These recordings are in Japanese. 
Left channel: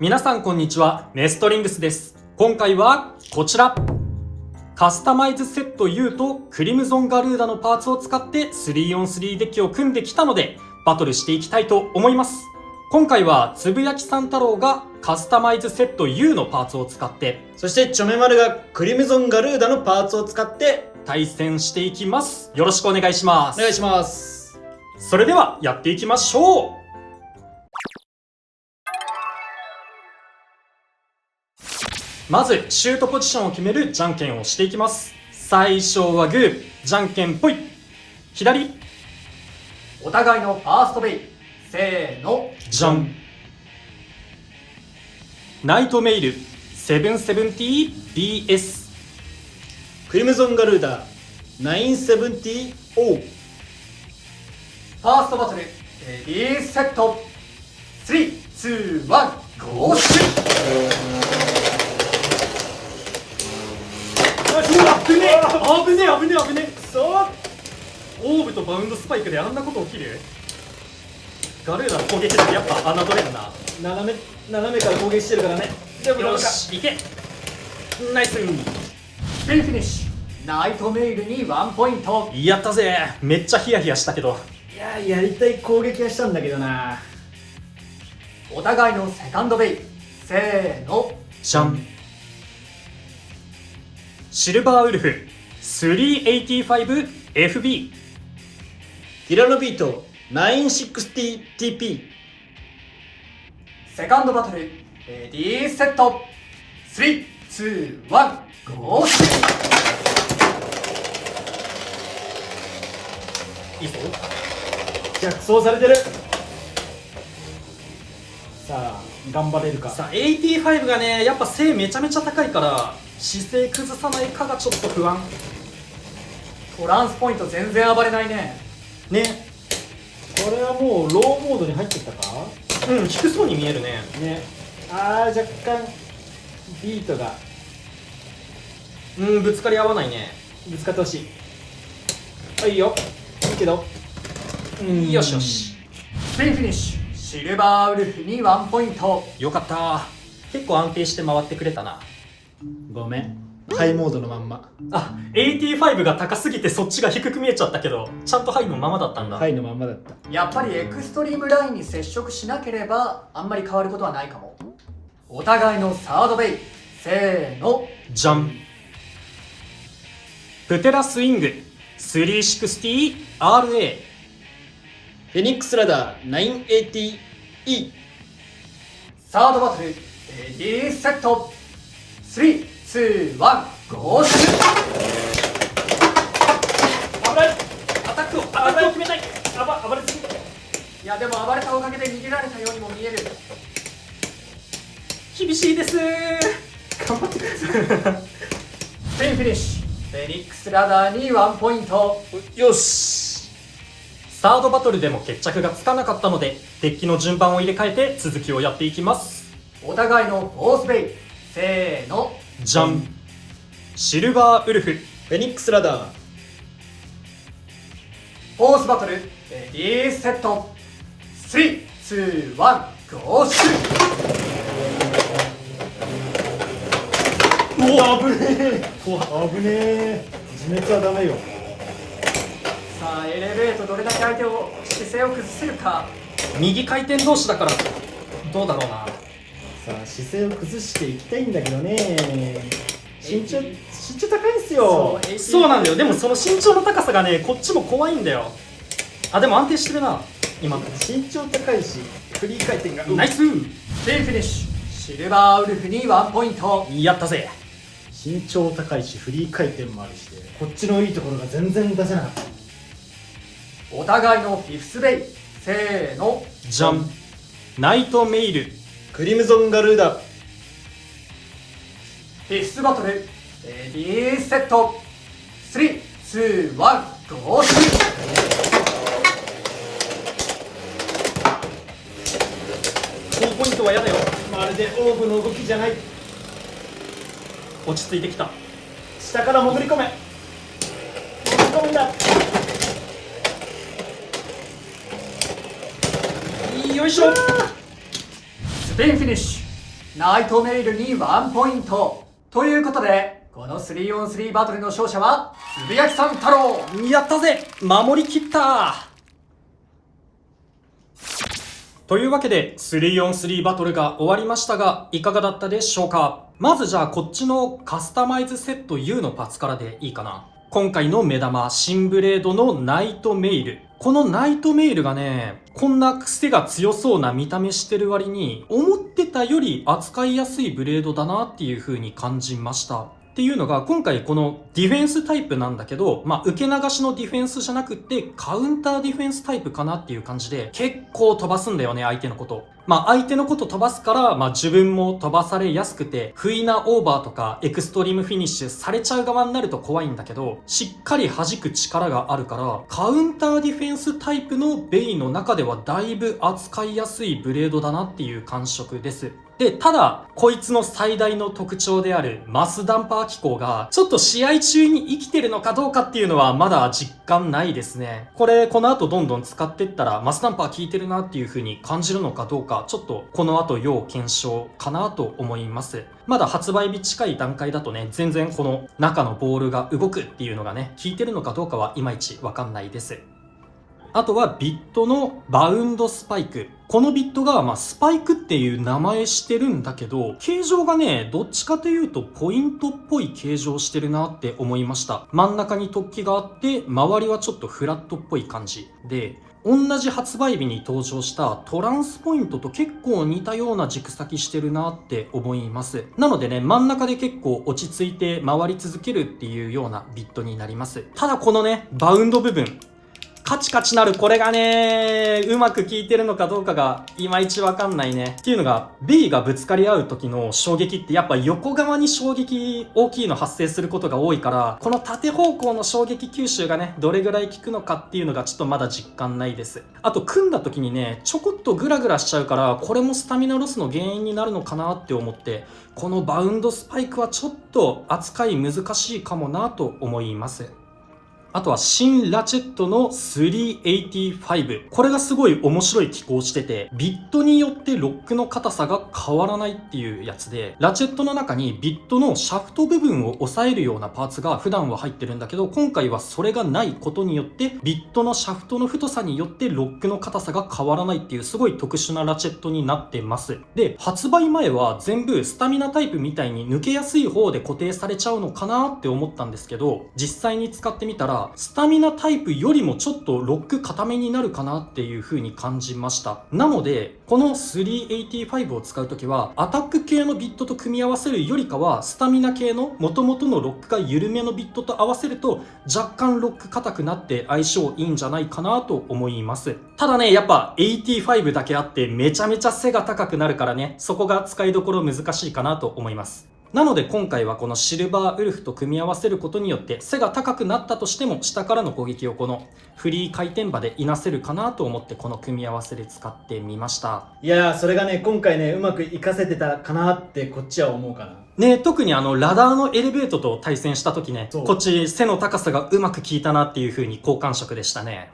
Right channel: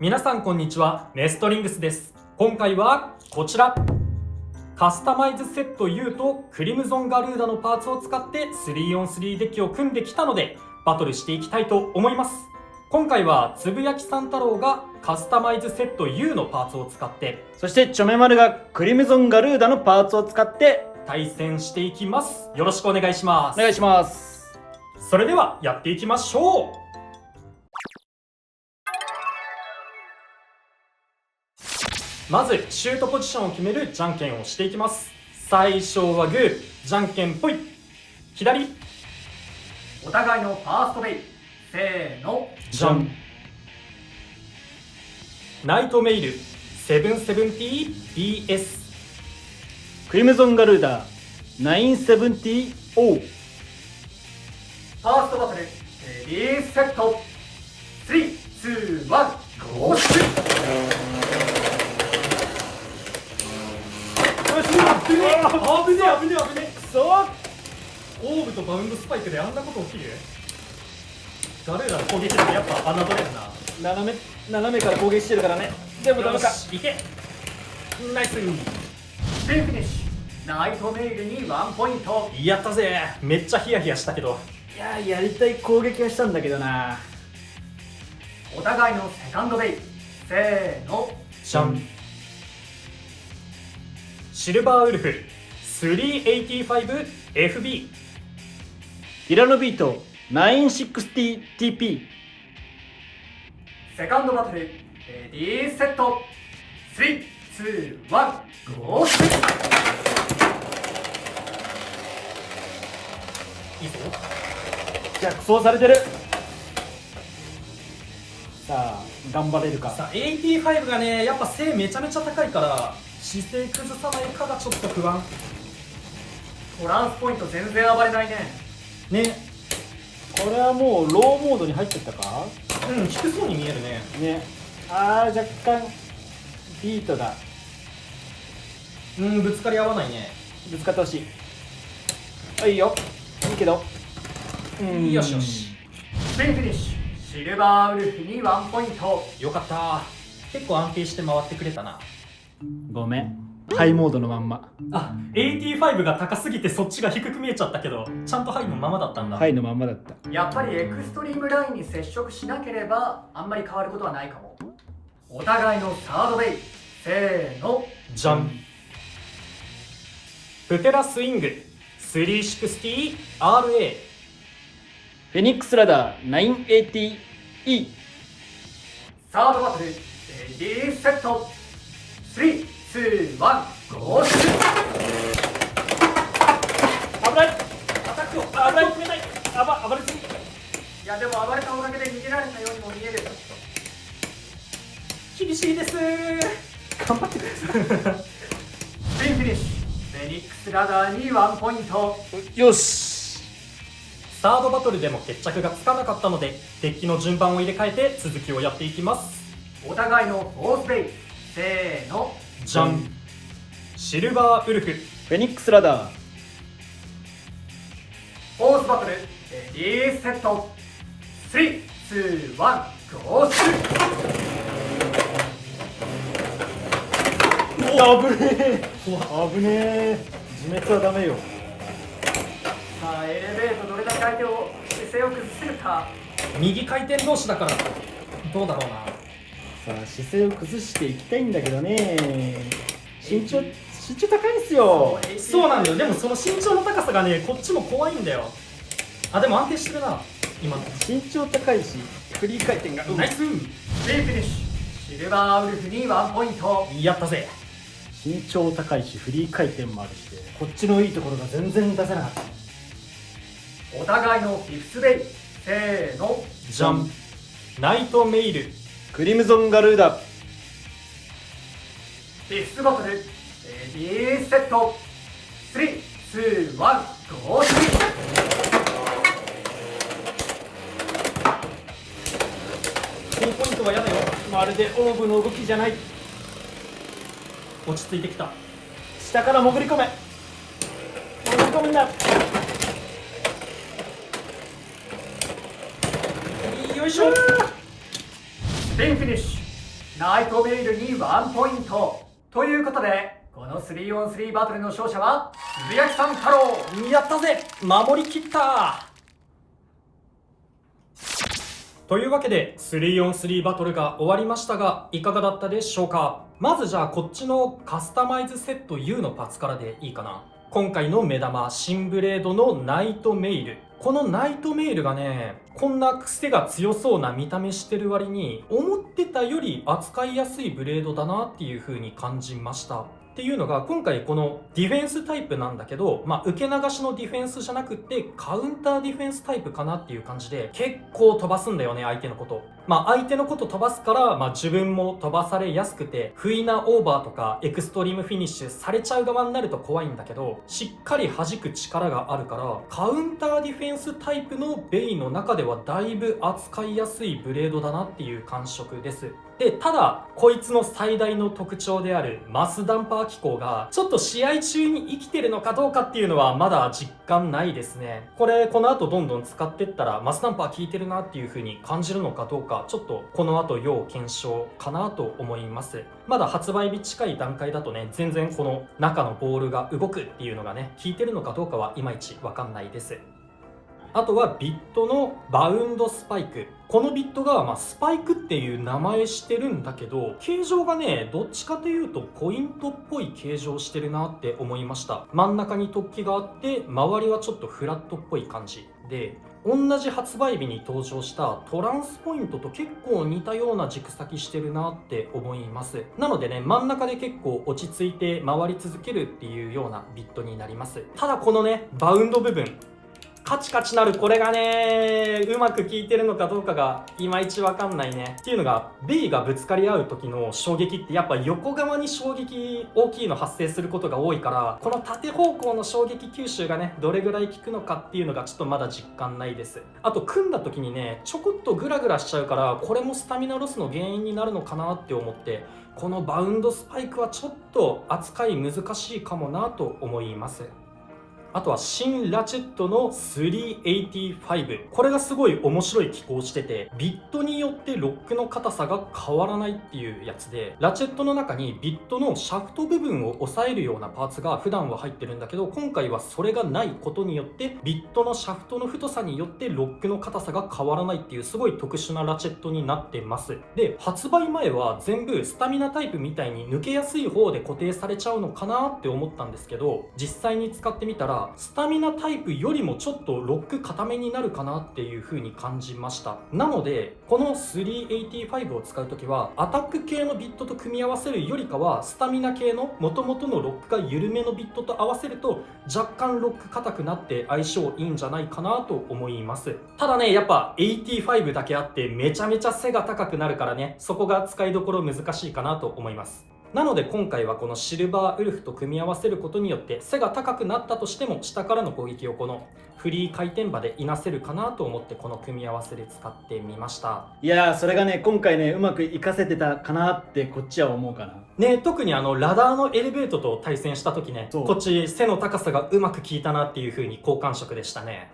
皆さんこんにちは、ネストリングスです。今回はこちらカスタマイズセット U とクリムゾンガルーダのパーツを使って 3on3 デッキを組んできたのでバトルしていきたいと思います。今回はつぶやきさん太郎がカスタマイズセット U のパーツを使って、そしてチョメマルがクリムゾンガルーダのパーツを使って対戦していきます。よろしくお願いします。お願いします。それではやっていきましょう。まずシュートポジションを決めるじゃんけんをしていきます。最初はグー、じゃんけんぽい。左、お互いのファーストベイ、せーの、じゃん。ナイトメイル 770DS。 クリムゾンガルーダ 970O。 ファーストバトル、レディーセット、3、2、1、ゴーシュ危ねえそうオーブとバウンドスパイクであんなこと起きる。ガルーダの攻撃だけやっぱ侮れるな。斜めから攻撃してるからね。でもどうかよし、いけ。ナイス。スピンフィニッシュ、ナイトメイルに1ポイント。やったぜ。めっちゃヒヤヒヤしたけど。いや、やりたい攻撃はしたんだけどな。お互いのセカンドベイ、せーの、じゃん。シルバーウルフ 385FB。 ヒラノビート 960TP。 セカンドバトル、レディーセット、3、2、1、ゴーシュいいぞ。逆走されてる。さあ頑張れるか。さあ85がねやっぱ背めちゃめちゃ高いから姿勢崩さないかがちょっと不安トランスポイント全然暴れないね。ね。これはもうローモードに入ってきたかうん、低そうに見えるね。ね。若干ビートがうん、ぶつかり合わないね。ぶつかってほしい。いいよ、いいけど。よしよし、スピンフィニッシュ、シルバーウルフに1ポイント。よかった。結構安定して回ってくれたな。ごめん、ハイモードのまんま。あ、85が高すぎてそっちが低く見えちゃったけどちゃんとハイのままだったんだ。ハイのまんまだった。やっぱりエクストリームラインに接触しなければあんまり変わることはないかも。お互いのサードベイ、せーの、じゃん。プテラスイング 360RA。 フェニックスラダー 980E。 サードバトル、レディーセット、3、2、1、ゴーシュ危ない。アタックを決めたい。暴れすぎ。いやでも暴れたおかげで逃げられたようにも見える。厳しいです。頑張ってください。スピンフィニッシュ、フェニックスラダーに1ポイント。よし。サードバトルでも決着がつかなかったのでデッキの順番を入れ替えて続きをやっていきます。お互いのフォースベイ、せーの、じゃん。シルバーウルフフェニックスラダーフォースバトル、レディーセット、3、2、1、ゴーシュ危ねえ。危ねえ。自滅はダメよ。さあエレベートどれだけ相手を姿勢を崩せるか。右回転同士だからどうだろうな。さあ姿勢を崩していきたいんだけどね。身長高いんすよ。そうなんだよ。でもその身長の高さがねこっちも怖いんだよ。あ、でも安定してるな今。身長高いしフリー回転がナイス。スピンフィニッシュ、シルバーウルフに1ポイント。やったぜ。身長高いしフリー回転もあるし、こっちのいいところが全然出せなかった。お互いのフィフスベイ、せーの、じゃん。ナイトメイルクリムゾンガルーダフィフスバトル、レディーセット、3、2、1、ゴーシュ高ポイントは嫌だよ。まるでオーブの動きじゃない。落ち着いてきた。下から潜り込め。潜り込むんだ。よいしょ。スピンフィニッシュ、ナイトメイルに1ポイント。ということで、この 3on3 バトルの勝者は、つぶやきさん太郎。やったぜ、守りきった。というわけで 3on3 バトルが終わりましたが、いかがだったでしょうか。まずじゃあこっちのカスタマイズセット U のパーツからでいいかな。今回の目玉、新ブレードのナイトメイル。このナイトメイルがね、こんな癖が強そうな見た目してる割に、思ってたより扱いやすいブレードだなっていう風に感じました。っていうのが、今回このディフェンスタイプなんだけど、受け流しのディフェンスじゃなくってカウンターディフェンスタイプかなっていう感じで、結構飛ばすんだよね、相手のこと。相手のこと飛ばすから、自分も飛ばされやすくて、不意なオーバーとかエクストリームフィニッシュされちゃう側になると怖いんだけど、しっかり弾く力があるから、カウンターディフェンスタイプのベイの中ではだいぶ扱いやすいブレードだなっていう感触です。で、ただ、こいつの最大の特徴であるマスダンパー機構が、ちょっと試合中に生きてるのかどうかっていうのはまだ実感ないですね。この後どんどん使ってったら、マスダンパー効いてるなっていう風に感じるのかどうか、ちょっとこの後要検証かなと思います。まだ発売日近い段階だとね、全然この中のボールが動くっていうのがね、効いてるのかどうかはいまいちわかんないです。あとはビットのバウンドスパイク。このビットがスパイクっていう名前してるんだけど、形状がね、どっちかというとポイントっぽい形状してるなって思いました。真ん中に突起があって、周りはちょっとフラットっぽい感じで、同じ発売日に登場したトランスポイントと結構似たような軸先してるなって思います。なのでね、真ん中で結構落ち着いて回り続けるっていうようなビットになります。ただこのね、バウンド部分、カチカチなるこれがね、うまく効いてるのかどうかがいまいちわかんないね。っていうのが、ベイがぶつかり合う時の衝撃ってやっぱ横側に衝撃大きいの発生することが多いから、この縦方向の衝撃吸収がね、どれぐらい効くのかっていうのがちょっとまだ実感ないです。あと組んだ時にね、ちょこっとグラグラしちゃうから、これもスタミナロスの原因になるのかなって思って、このバウンドスパイクはちょっと扱い難しいかもなと思います。あとは新ラチェットの385。これがすごい面白い機構してて、ビットによってロックの硬さが変わらないっていうやつで、ラチェットの中にビットのシャフト部分を押さえるようなパーツが普段は入ってるんだけど、今回はそれがないことによって、ビットのシャフトの太さによってロックの硬さが変わらないっていうすごい特殊なラチェットになってます。で、発売前は全部スタミナタイプみたいに抜けやすい方で固定されちゃうのかなって思ったんですけど、実際に使ってみたら、スタミナタイプよりもちょっとロック固めになるかなっていう風に感じました。なのでこの385を使うときはアタック系のビットと組み合わせるよりかは、スタミナ系の元々のロックが緩めのビットと合わせると若干ロック硬くなって相性いいんじゃないかなと思います。ただね、やっぱ85だけあってめちゃめちゃ背が高くなるからね、そこが使いどころ難しいかなと思います。なので今回はこのシルバーウルフと組み合わせることによって、背が高くなったとしても下からの攻撃をこのフリー回転場でいなせるかなと思って、この組み合わせで使ってみました。いやー、それがね、今回ね、うまくいかせてたかなってこっちは思うかな。ね、特にラダーのエレベートと対戦した時ね、こっち背の高さがうまく効いたなっていう風に好感触でしたね。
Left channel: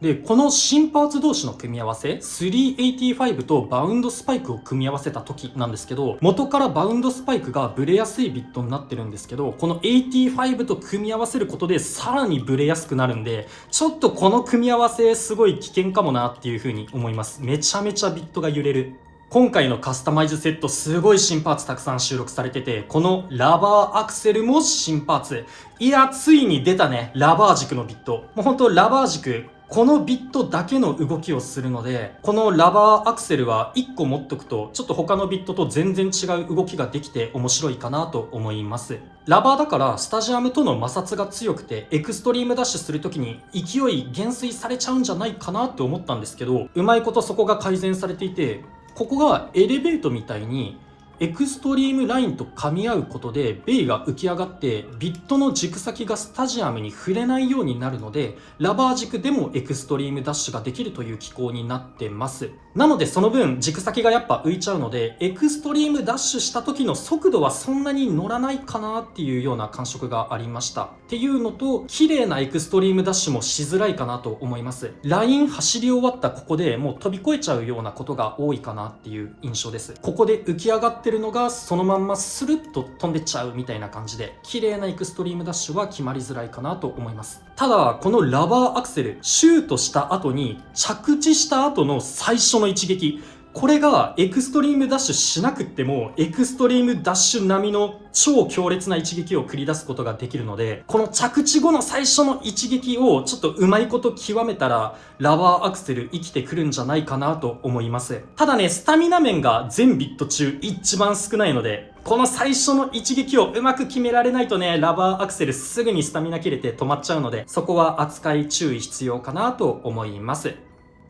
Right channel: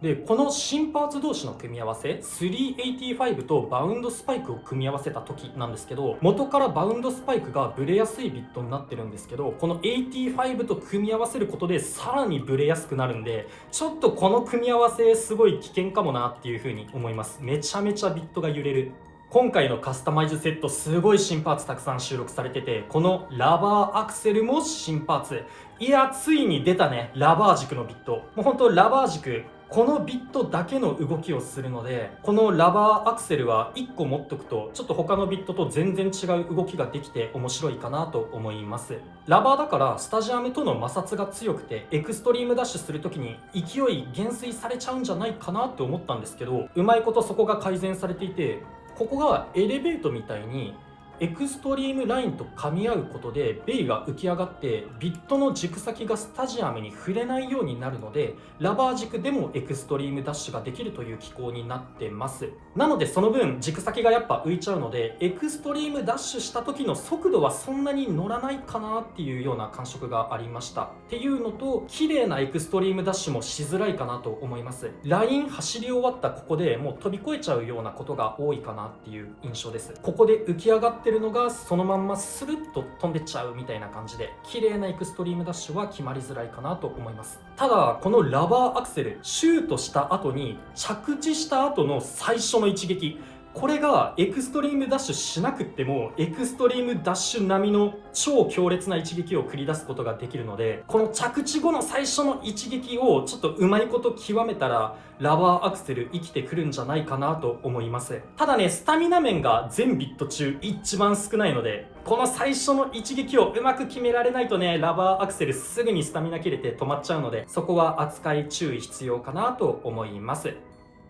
で、この新パーツ同士の組み合わせ、385とバウンドスパイクを組み合わせた時なんですけど、元からバウンドスパイクがブレやすいビットになってるんですけど、この85と組み合わせることでさらにブレやすくなるんで、ちょっとこの組み合わせすごい危険かもなっていう風に思います。めちゃめちゃビットが揺れる。今回のカスタマイズセットすごい新パーツたくさん収録されてて、このラバーアクセルも新パーツ。いや、ついに出たね、ラバー軸のビット。もうほんとラバー軸、このビットだけの動きをするので、このラバーアクセルは1個持っとくとちょっと他のビットと全然違う動きができて面白いかなと思います。ラバーだからスタジアムとの摩擦が強くて、エクストリームダッシュするときに勢い減衰されちゃうんじゃないかなって思ったんですけど、うまいことそこが改善されていて、ここがエレベートみたいにエクストリームラインと噛み合うことでベイが浮き上がってビットの軸先がスタジアムに触れないようになるので、ラバー軸でもエクストリームダッシュができるという機構になってます。なのでその分軸先がやっぱ浮いちゃうので、エクストリームダッシュした時の速度はそんなに乗らないかなっていうような感触がありました。っていうのと、綺麗なエクストリームダッシュもしづらいかなと思います。ライン走り終わったここでもう飛び越えちゃうようなことが多いかなっていう印象です。ここで浮き上がってるのがそのまんまスルッと飛んでっちゃうみたいな感じで、綺麗なエクストリームダッシュは決まりづらいかなと思います。ただこのラバーアクセル、シュートした後に着地した後の最初の一撃、これがエクストリームダッシュしなくってもエクストリームダッシュ並みの超強烈な一撃を繰り出すことができるので、この着地後の最初の一撃をちょっとうまいこと極めたらラバーアクセル生きてくるんじゃないかなと思います。ただね、スタミナ面が全ビット中一番少ないので、この最初の一撃をうまく決められないとね、ラバーアクセルすぐにスタミナ切れて止まっちゃうので、そこは扱い注意必要かなと思います。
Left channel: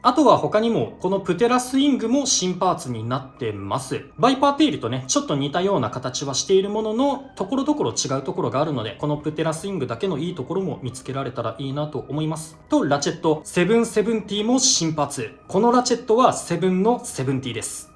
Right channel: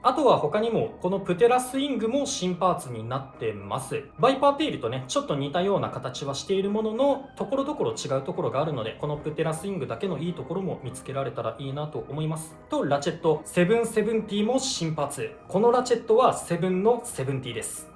あとは他にもこのプテラスイングも新パーツになってます。バイパーテイルとねちょっと似たような形はしているものの、ところどころ違うところがあるので、このプテラスイングだけのいいところも見つけられたらいいなと思います。とラチェット770も新パーツ。このラチェットは7の70です。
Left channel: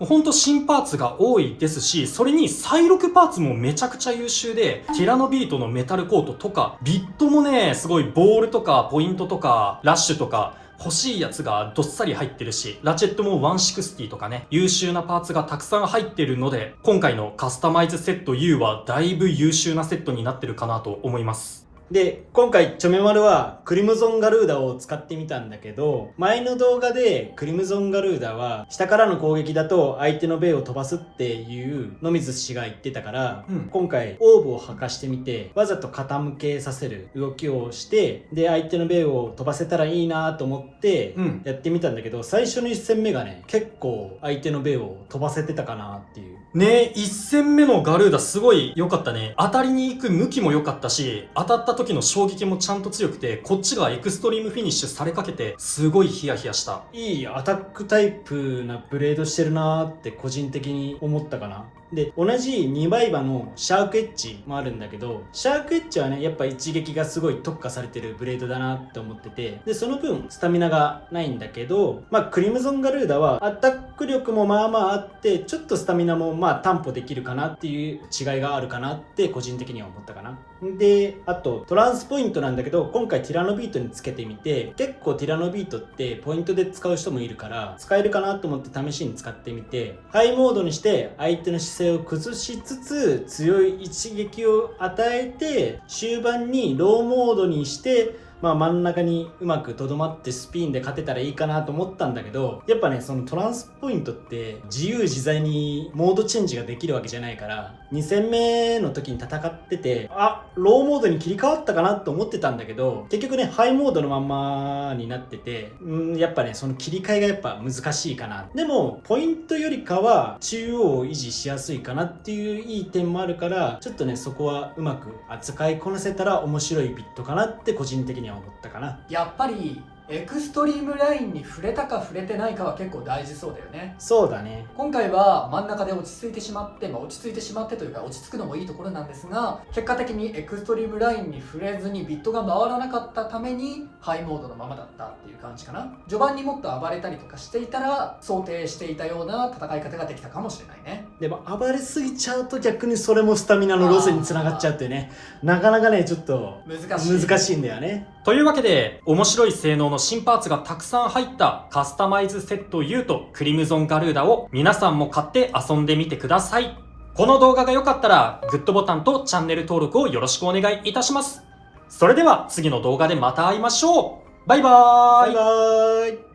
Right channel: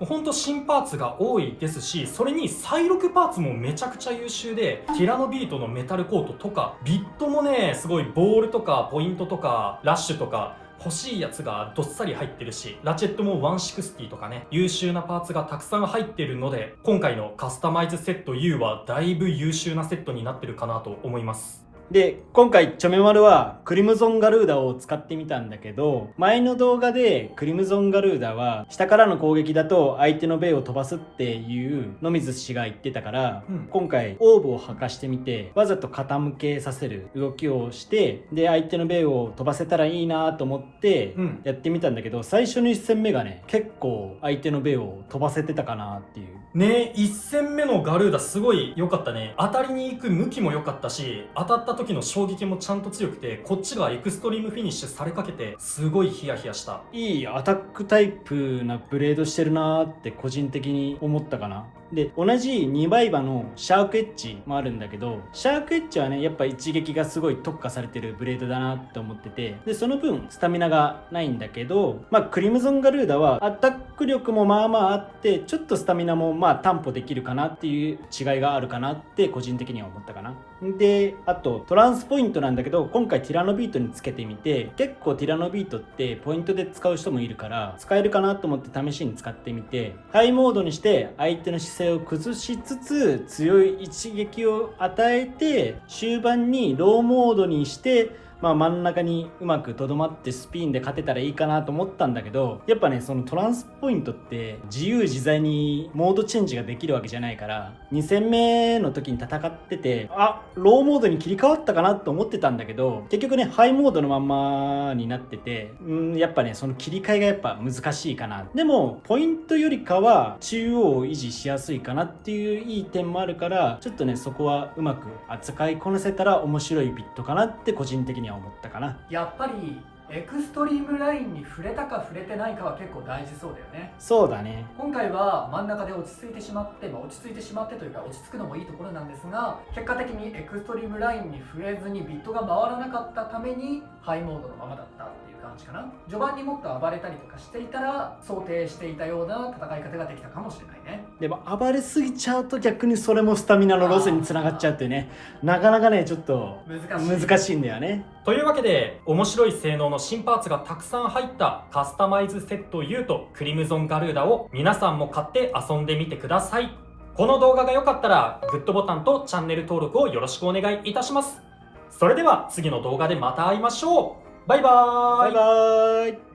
ほんと新パーツが多いですし、それに再録パーツもめちゃくちゃ優秀で、ティラノビートのメタルコートとかビットもねすごいボールとかポイントとかラッシュとか欲しいやつがどっさり入ってるし、ラチェットも160とかね優秀なパーツがたくさん入ってるので、今回のカスタマイズセット U はだいぶ優秀なセットになってるかなと思います。で、今回チョメマルはクリムゾンガルーダを使ってみたんだけど、前の動画でクリムゾンガルーダは下からの攻撃だと相手のベイを飛ばすっていう野水氏が言ってたから、今回オーブを吐かしてみてわざと傾けさせる動きをして、で相手のベイを飛ばせたらいいなと思ってやってみたんだけど、最初の1戦目がね結構相手のベイを飛ばせてたかなっていう。ね、1戦目のガルーダすごい良かったね。当たりに行く向きも良かったし、当たった時の衝撃もちゃんと強くて、こっちがエクストリームフィニッシュされかけてすごいヒヤヒヤした。いいアタックタイプなブレードしてるなーって個人的に思ったかな。で、同じ2倍刃のシャークエッジもあるんだけど、シャークエッジはねやっぱ一撃がすごい特化されてるブレードだなって思ってて、でその分スタミナがないんだけど、クリムゾンガルーダはアタック力もまあまああって、ちょっとスタミナも担保できるかなっていう違いがあるかなって個人的には思ったかな。で、あとトランスポイントなんだけど、今回ティラノビートにつけてみて、結構ティラノビートってポイントで使う人もいるから使えるかなと思って試しに使ってみて、ハイモードにして相手の姿勢を崩しつつ強い一撃を与えて、終盤にローモードにして真ん中にうまくとどまってスピンで勝てたらいいかなと思ったんだけど、やっぱねそのトランスポイントって自由自在にモードチェンジができるわけじゃないから、2戦目の時に戦っててローモードに切り替わったかなと思ってたんだけど、結局ねハイモードのまんまになってて、やっぱねその切り替えがやっぱ難しいかな。でもポイントよりかは中央を維持しやすいかなっていういい点もあるから、ちょっとねそこはうまく扱いこなせたら面白いビットかなって個人的には思ったかな。やっぱりエクストリームラインに触れたか触れてないかは結構大事そうだよね。そうだね。今回は真ん中で落ち着いてしまって、落ち着いてしまってというか落ち着くのもいいところなんですが、結果的にエクストリームラインに触れずにビットが回らなかったためにハイモードのままだったっていう感じかな。序盤にもっと暴れたりとかしていたら想定していたような戦い方ができたかもしれないね。でも暴れすぎちゃうと逆にそれもスタミナのロスにつながっちゃうっていうね、なかなかねちょっと難しいんだよね。というわけで面白い性能の新パーツがたくさん入ったカスタマイズセット U とクリムゾンガルーダを皆さんも買って遊んでみてください。この動画が良かったらグッドボタンとチャンネル登録をよろしくお願いいたします。それでは次の動画でまた会いましょう。バイバーイ。バイバーイ。